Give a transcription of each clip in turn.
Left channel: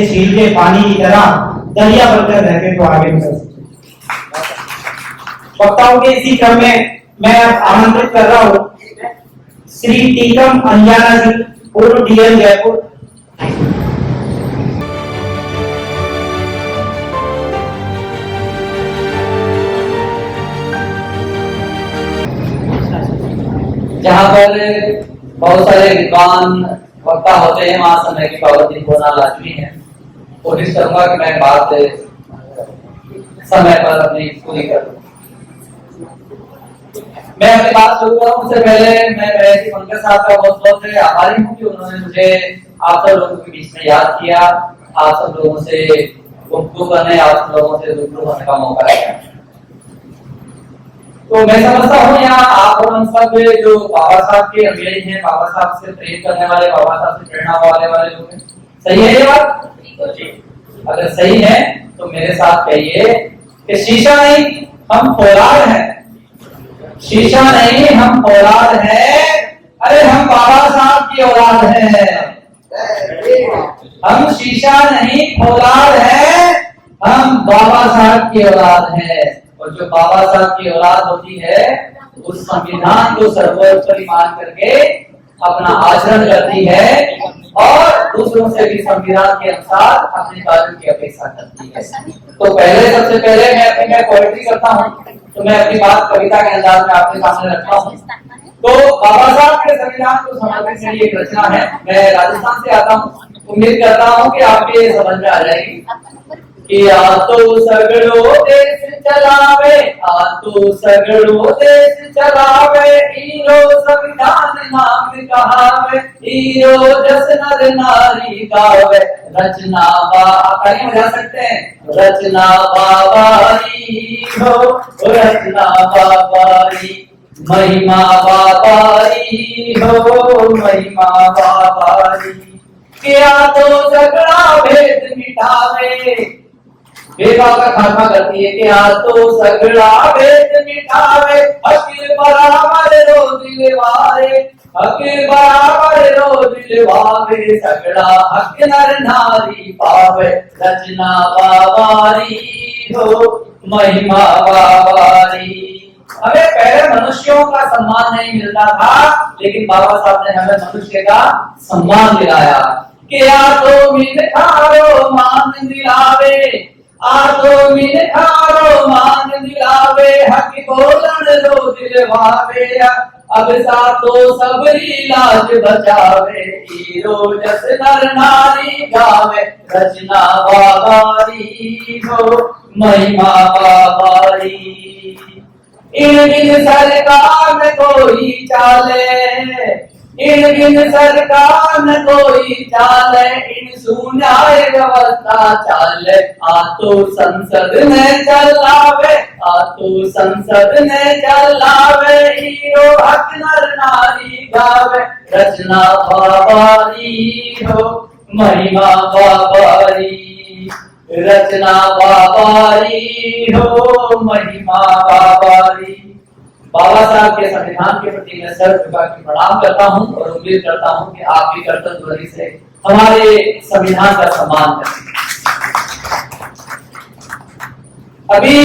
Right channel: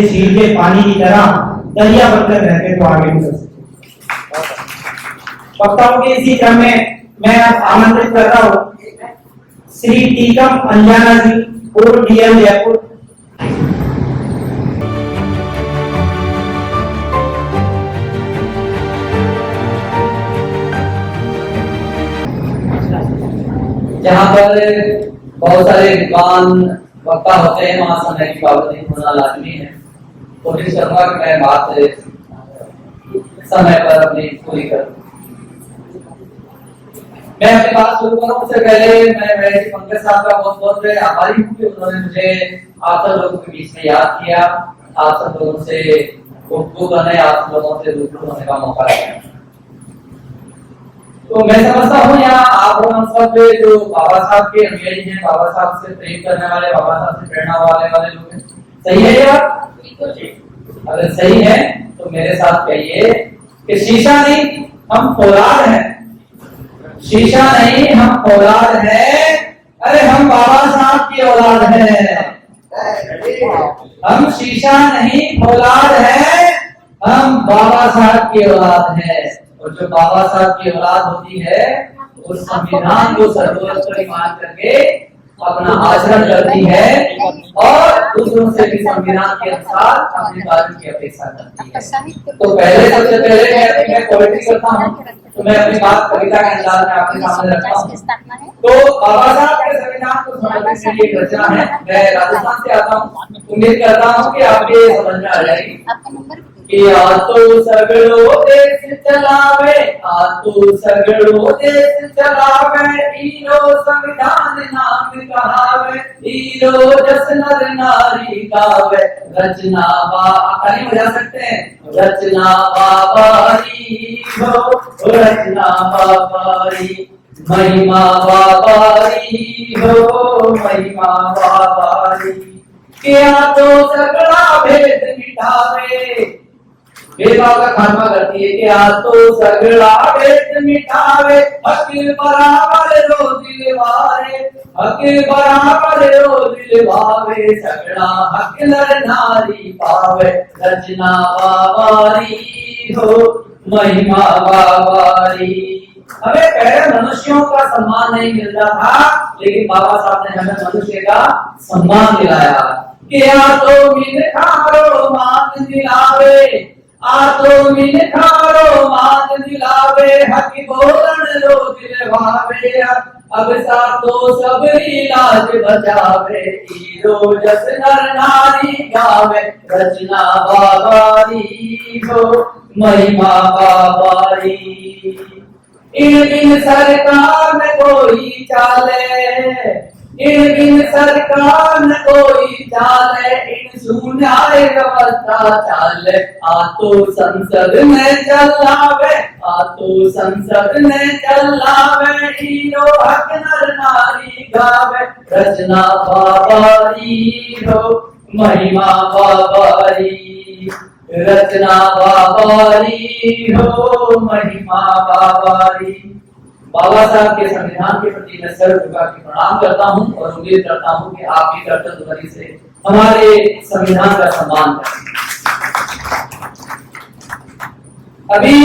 झील के पानी की तरह दरिया बनकर रहते तो आगे निकल सकते। वक्ताओं के इसी क्रम में मैं आमंत्रित कर रहा हूँ श्री टीकम अंजाना जी, पूर्व डीएम जयपुर। जहाँ पर बहुत सारे विद्वान वक्ता होते हैं वहां समय की पाबंदी होना लाजमी है। कोशिश करूंगा कि मैं बात समय पर अपनी पूरी करूं। मैं अपनी बात शुरू करूं उससे पहले मैं पंकज साहब का बहुत बहुत आभारी हूँ कि उन्होंने मुझे आप सब लोगों के बीच में याद किया, आप सब लोगों से गुफ्तगू करने, आप सब लोगों से रूबरू होने का मौका दिया। तो मैं समझता हूँ यहाँ आप हम सब जो बाबा साहब के अनुयायी हैं, बाबा साहब से प्रेम करने वाले, बाबा साहब से प्रेरणा वाले लोग हैं। सही है ये बात? अगर सही है तो मेरे साथ कहिए कि शीशा नहीं हम फौलाद हैं, शीशा नहीं हम फौलाद हैं, अरे हम बाबा साहब की औलाद हैं। हम शीशा नहीं फौलाद हैं, हम बाबा साहब की औलाद हैं। और जो बाबा साहब की औलाद होती है उस संविधान को सर्वोपरि मान करके अपना आचरण करती है और दूसरों से भी संविधान के अनुसार अपने कार्य की अपेक्षा करती है। तो पहले सबसे पहले मैं पोएट्री करता हूँ, तो मैं अपनी बात कविता के अंदाज में आपके सामने रखता हूँ। तो बाबा साहब के संविधान को समर्पित मेरी एक रचना है। मैं राजस्थान से आता हूँ, उम्मीद करता हूँ कि आपके समझ में आ जाएगी कि आ तो सगड़ो देश चलावे, आ तो सगड़ो देश चलावे, हीरो संविधान नाम कहावे, हीरो जस नर नारी गावे, रचना कहीं बजा सकते हैं, रचना बाबारी हो, रचना बाबारी, महिमा बाबारी हो, महिमा बाबारी। क्या तो सगड़ा भेद मिटावे, भेदभाव का खात्मा करती है कि आज तो सगड़ा भेद मिटावे, हकीर बराबर रो दिलवारे, हकीर बराबर रो दिलवारे, सगड़ा हक नर नारी पावे, रचना बाबारी हो, महिमा बाबारी। हमें पहले मनुष्यों का सम्मान नहीं मिलता था, लेकिन बाबा साहब ने हमें मनुष्य का सम्मान दिलाया। क्या तो मिनखारो मान दिलावे, आ तो मिनखारो मान दिलावे, हक बोलन रो दिलवावे, अब सा तो सबरी लाज बचावे, हीरो जस नर नारी गावे, रचना बाबारी हो, महिमा बाबारी। इन बिन सरकार न कोई चाले, इन बिन सरकार न कोई चाले, इन सुनाए व्यवस्था चाले, आ तो संसद ने चलावे, आ तो संसद ने चलावे, हीरो हक नर नारी गावे, रचना बाबारी हो, महिमा बाबारी, रचना बाबारी हो, महिमा बाबारी। बाबा साहब के संविधान के प्रति मैं सर झुका के प्रणाम करता हूं और उम्मीद करता हूं कि आप भी कर्तव्य ध्वनि से हमारे संविधान का सम्मान करें। अभी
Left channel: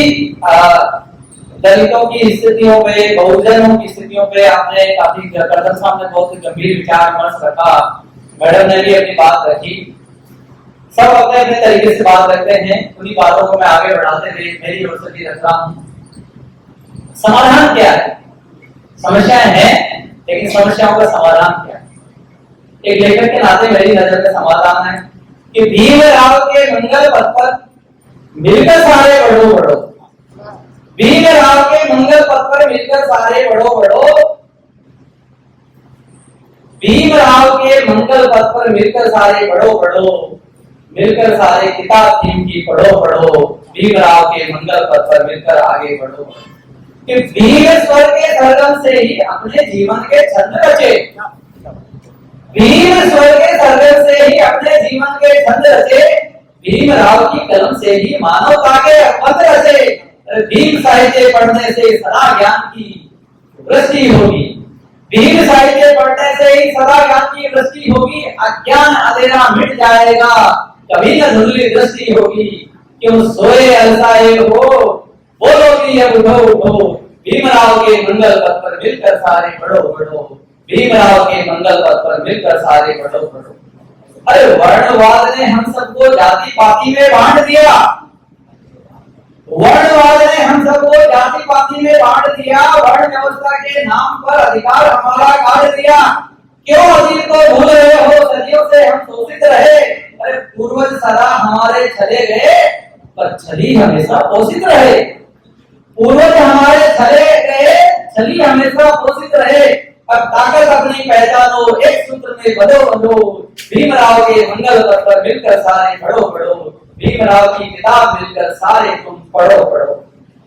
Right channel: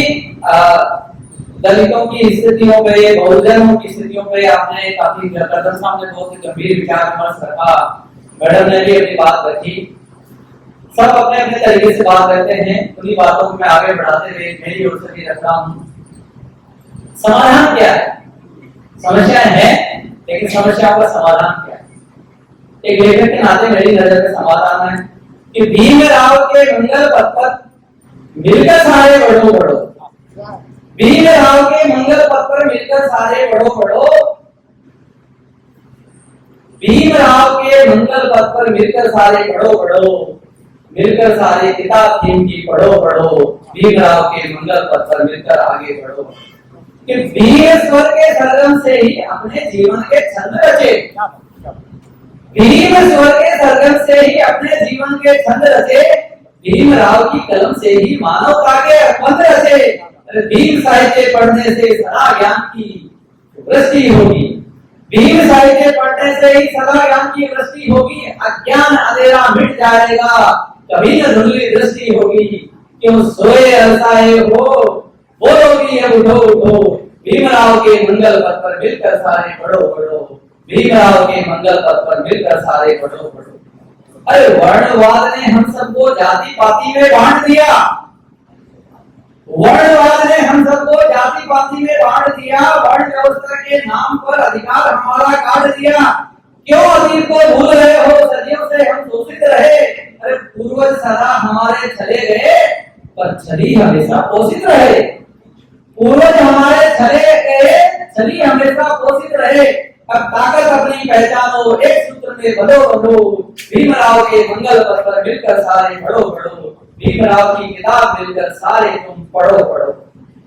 दलितों की स्थितियों पे, बहुजनों की स्थितियों पे आपने काफी कर्तव्य साहब ने बहुत गंभीर विचार विमर्श रखा, मैडम ने भी अपनी बात रखी। सब अपने अपने तरीके से बात करते हैं, उन्हीं बातों को मैं आगे बढ़ाते हुए मेरी ओर से भी रख रहा हूँ। समाधान क्या है? समस्याएं हैं, लेकिन समस्याओं का समाधान क्या है? एक लेखक के नाते मेरी नजर में समाधान है कि भीमराव के मंगल पथ पर मिलकर सारे बढ़ो बढ़ो, भीमराव के मंगल पथ पर मिलकर सारे बढ़ो बढ़ो, भीमराव के मंगल पथ पर मिलकर सारे बढ़ो बढ़ो, मिलकर सारे किताब थीम की पढ़ो पढ़ो, भीमराव के मंगल पथ पर मिलकर आगे बढ़ो। कि भीम स्वर के सरगम से ही अपने जीवन के छंद रचे, भीम स्वर के सरगम से ही अपने जीवन के छंद रचे, भीमराव की कलम से ही मानवता के पंथ रचे। भीम साहित्य पढ़ने से सदा ज्ञान की वृष्टि होगी, भीम साहित्य पढ़ने से ही सदा ज्ञान की वृष्टि होगी, अज्ञान अंधेरा मिट जाएगा, कभी न धुंधली दृष्टि होगी, क्यों सोए अलसाए हो, बोलोगी अब उठो उठो, भीमराव के मंगल पथ पर मिलकर सारे बढ़ो बढ़ो, भीमराव के मंगल पथ पर मिलकर सारे बढ़ो बढ़ो। अरे वर्णवाद ने हम सबको जाति पाति में बांट दिया, वर्णवाद ने हम सबको जाति पाति में बांट दिया, वर्ण व्यवस्था के नाम पर अधिकार हमारा काट दिया। क्यों अतीत को भूल रहे हो, सदियों से हम शोषित रहे। अरे पूर्वज सदा हमारे चले गए, पर छली हमेशा पोषित रहे। पूर्वज हमारे चले गए, छली हमेशा पोषित रहे। अब ताकत अपनी पहचानो, एक सूत्र में बंधो बंधो, भीमराव के मंगल पथ पर मिलकर सारे बढ़ो बढ़ो, भीमराव की किताब मिलकर सारे तुम पढ़ो पढ़ो।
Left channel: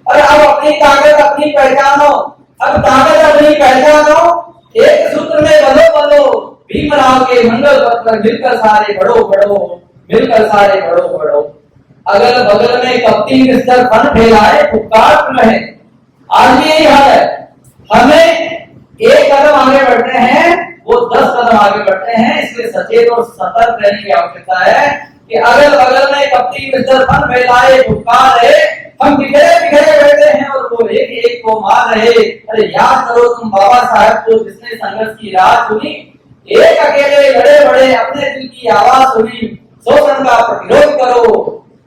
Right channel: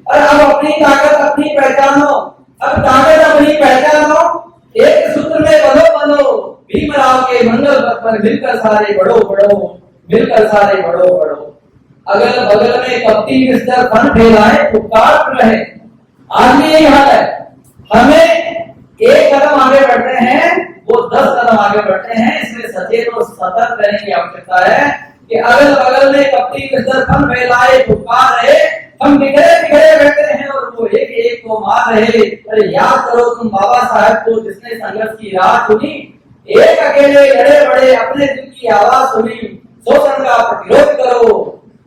अरे अब अपनी ताकत अपनी पहचानो, अब ताकत अपनी पहचानो, एक सूत्र में बंधो बंधो, भीमराव के मंगल पथ पर मिलकर सारे बढ़ो बढ़ो, मिलकर सारे बढ़ो बढ़ो। अगल बगल में कपटी मिस्टर फन फैलाए, उपकार रहे। आज भी यही हाल है, हमें एक कदम आगे बढ़ते हैं, वो 10 कदम आगे बढ़ते हैं। इसलिए सचेत और सतर्क रहने की आवश्यकता है कि अगल बगल में कपटी मिस्टर फन फैलाए, उपकार रहे। हम बिखरे बिखरे बैठे हैं और वो एक एक को मार रहे। अरे याद करो तुम बाबा साहब को, जिसने संघर्ष की राह चुनी, एक अकेले लड़े बड़े, अपने दिल की आवाज सुनी। शोषण का प्रतिरोध करो,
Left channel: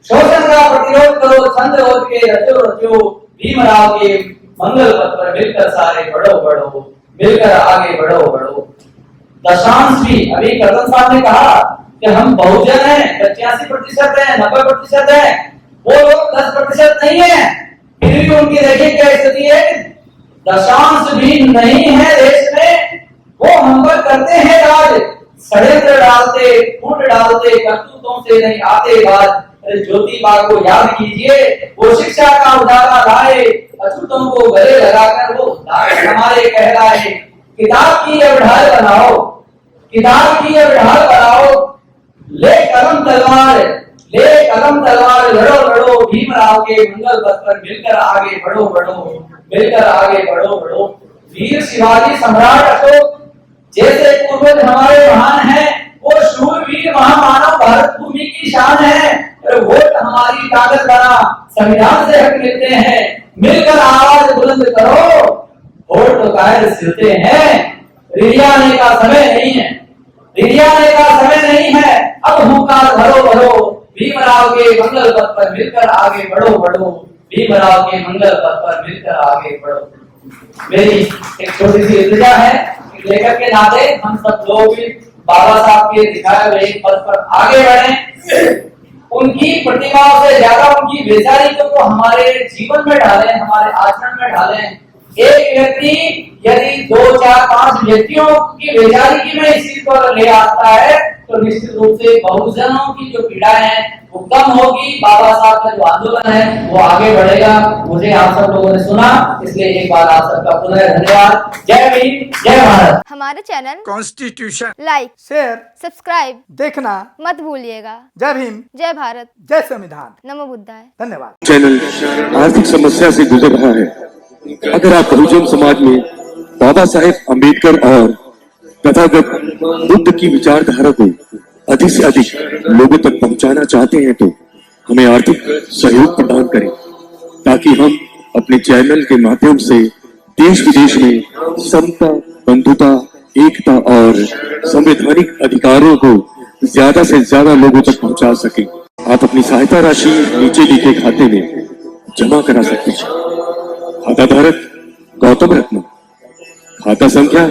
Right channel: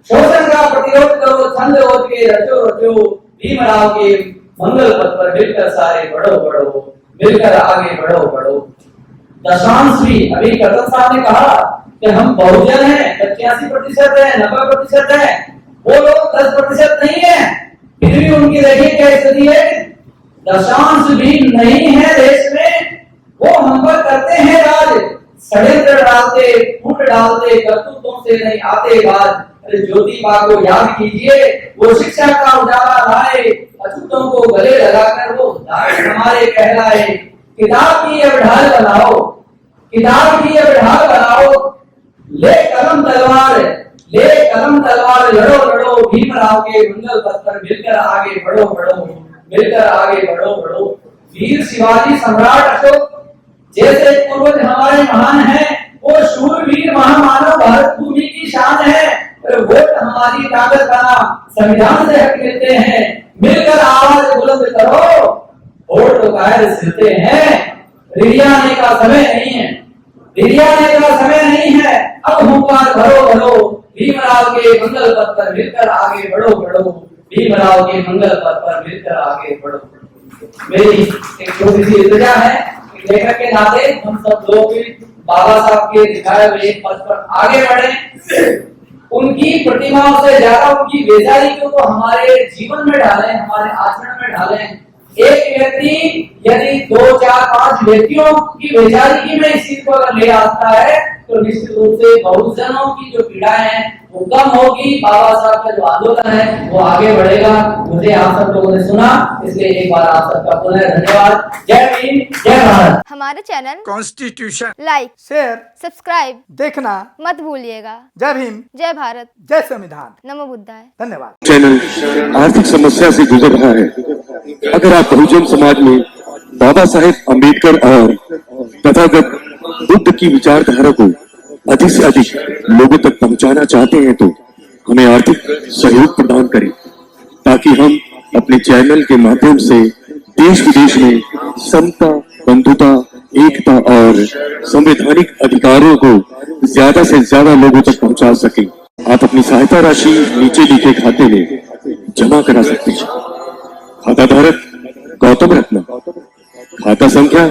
शोषण का प्रतिरोध करो, छंद ओज के रचो रचो, भीमराव के मंगल पथ पर मिलकर सारे बढ़ो बढ़ो, मिलकर आगे बढ़ो बढ़ो। दशांश भी अभी कर्तन साहब ने कहा कि हम बहुजन हैं, 85% है, 90% है, वो लोग 10% नहीं है। फिर भी उनकी देखिए क्या स्थिति है कि दशांश भी नहीं है देश में, वो हम पर करते हैं राज, षड्यंत्र डालते, फूट डालते, करतूतों से नहीं आते बाज। ज्योतिबा को याद कीजिए, वो शिक्षा का उजाला लाए, अछूतों को गले लगाकर वो दाएं हमारे कहलाए। किताब की अब ढाल बनाओ, किताब की अब ढाल बनाओ, ले कलम तलवार, ले कलम तलवार, लड़ो लड़ो, भीमराव के मंगल पथ पर मिलकर आगे बढ़ो बढ़ो, मिलकर आगे बढ़ो बढ़ो। वीर शिवाजी सम्राट अशोक जैसे पूर्वज हमारे महान हैं, वो शूरवीर महामानव भारत भूमि की शान है। वोट हमारी ताकत बना, संविधान से हक मिलते हैं, मिलकर आवाज बुलंद करो, वोट तो कायर सिलते हैं। रिरियाने का समय नहीं है, रिरियाने का समय नहीं है, अब हुंकार भरो भरो, भीमराव के मंगल पथ पर मिलकर आगे बढ़ो बढ़ो, भीमराव के मंगल पथ पर मिलकर आगे बढ़ो। मेरी एक छोटी सी इल्तिजा है, लेखक के नाते हम सब लोग भी बाबा साहब के दिखाए हुए पथ पर आगे बढ़े, उनकी प्रतिमाओं से ज्यादा उनकी बेजारी को हमारे जीवन में डालें, हमारे आचरण में डालें। एक व्यक्ति यदि 2, 4, 5 व्यक्तियों की बेजारी की में इस चीज को ले आता है, तो निश्चित रूप से बहुजनों की जो पीड़ाएं हैं वो कम होगी। बाबा साहब का जो आंदोलन है वो आगे बढ़ेगा। मुझे आप सब लोगों ने सुना, इसलिए एक बार आप सबका पुनः धन्यवाद। जय भीम, जय भारत। हमारे channel constitution like, share, subscribe देखना मत भूलिएगा। जय भीम, जय भारत, जय संविधान। नमो बुद्धाय। धन्यवाद। चैनल आर्थिक समस्या से गुजर रहा है। अगर आप बहुजन समाज में बाबा साहेब अम्बेडकर और तथागत बुद्ध की विचारधारा को अधिक से अधिक लोगों तक पहुंचाना चाहते हैं, तो हमें आर्थिक सहयोग प्रदान करें, ताकि हम अपने चैनल के माध्यम से देश विदेश में समता, बंधुता, एकता और संवैधानिक अधिकारों को ज्यादा से ज्यादा लोगों तक पहुंचा सकें। आप अपनी सहायता राशि नीचे लिखे खाते में जमा करा सकते हैं। खाता धारक गौतम रत्न, खाता संख्या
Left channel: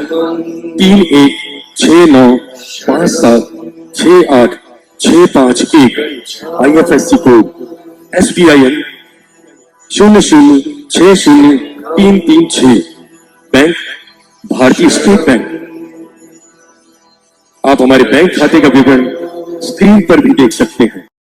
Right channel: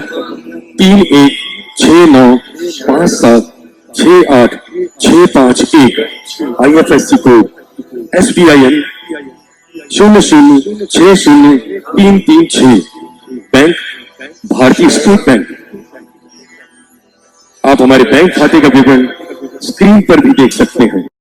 3169576865 IFSC कोड SBIN 0060336, बैंक भारतीय स्टेट बैंक। आप हमारे बैंक खाते का विवरण स्क्रीन पर भी देख सकते हैं।